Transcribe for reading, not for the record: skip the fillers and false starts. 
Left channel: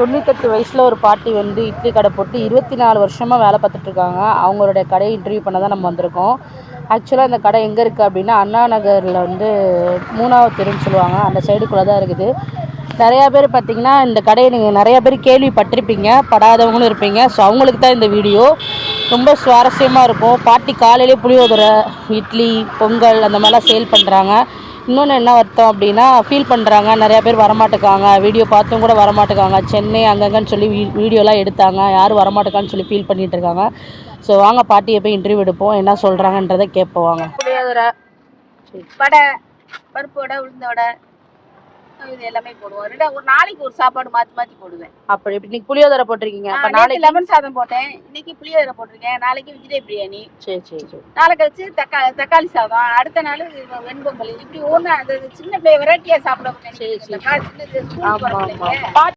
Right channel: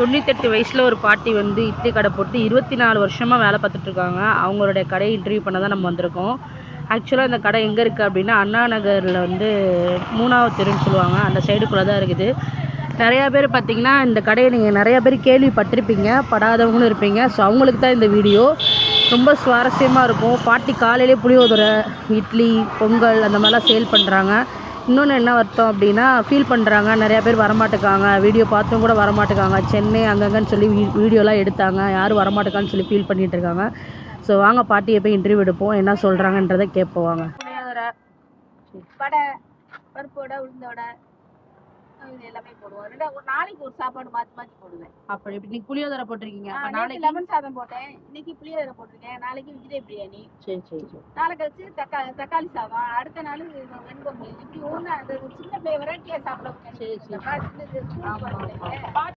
98 வயசில் ஒரு பாட்டி வந்து இட்லி கடை போட்டு 24 வருஷமாக வேலை பார்த்துட்ருக்காங்க. அவங்களுடைய கடையை இன்டர்வியூ பண்ண தான் நம்ம வந்திருக்கோம். ஆக்சுவலாக இந்த கடை எங்கே இருக்குது அப்படின்னா அண்ணா நகரில் வந்து 3வது தெருன்னு சொல்லுவாங்க, அந்த சைடுக்குள்ளே தான் இருக்குது. நிறையா பேர் பார்த்திங்கன்னா இந்த கடையை நீங்கள் நிறையா பேர் கேள்விப்பட்டிருப்பீங்க, படாதவங்களும் இருப்பீங்க. ஸோ அவங்களுக்கு தான் இந்த வீடியோ ரொம்ப சுவாரஸ்யமாக இருக்கும். பாட்டி காலையிலே புளியோதரை, இட்லி, பொங்கல் அந்த மாதிரிலாம் சேல் பண்ணுறாங்க. இன்னொன்று என்ன அர்த்தம் அப்படின்னா ஃபீல் பண்ணுறாங்க, நிறையா பேர் வரமாட்டேக்காங்க, வீடியோ பார்த்தும் கூட வரமாட்டேக்காங்க, சென்னை அங்கங்கன்னு சொல்லி வீடியோலாம் எடுத்தாங்க, யாரும் வரமாட்டேக்கான்னு சொல்லி ஃபீல் பண்ணிகிட்டு இருக்காங்க. ஸோ வாங்க பாட்டியை போய் இன்டர்வியூ எடுப்போம், என்ன சொல்கிறாங்கன்றதை கேட்போம் வாங்க. புளியோதரை, வடை, பருப்பு வடை, உளுந்த வடை, இது எல்லாமே போடுவோம். ஒரு நாளைக்கு ஒரு சாப்பாடு மாற்றி மாற்றி போடுவேன். அப்படி இன்னைக்கு புளியோதரை போட்டிருக்கீங்க, அப்போ நாளைக்கு லெமன் சாதம் போட்டேன், இன்னைக்கு புளியோதரை போட்டிருக்கேன், நாளைக்கு வெஜிடே பிரியாணி, சரி சரி சரி, நாளை கழிச்சு தக்காளி சாதம், அடுத்த நாள் வெண்பொங்கல், இப்படி ஒன்று அந்த சின்ன பிள்ளை வெரைட்டியாக சாப்பிட. சரி சரி. சின்ன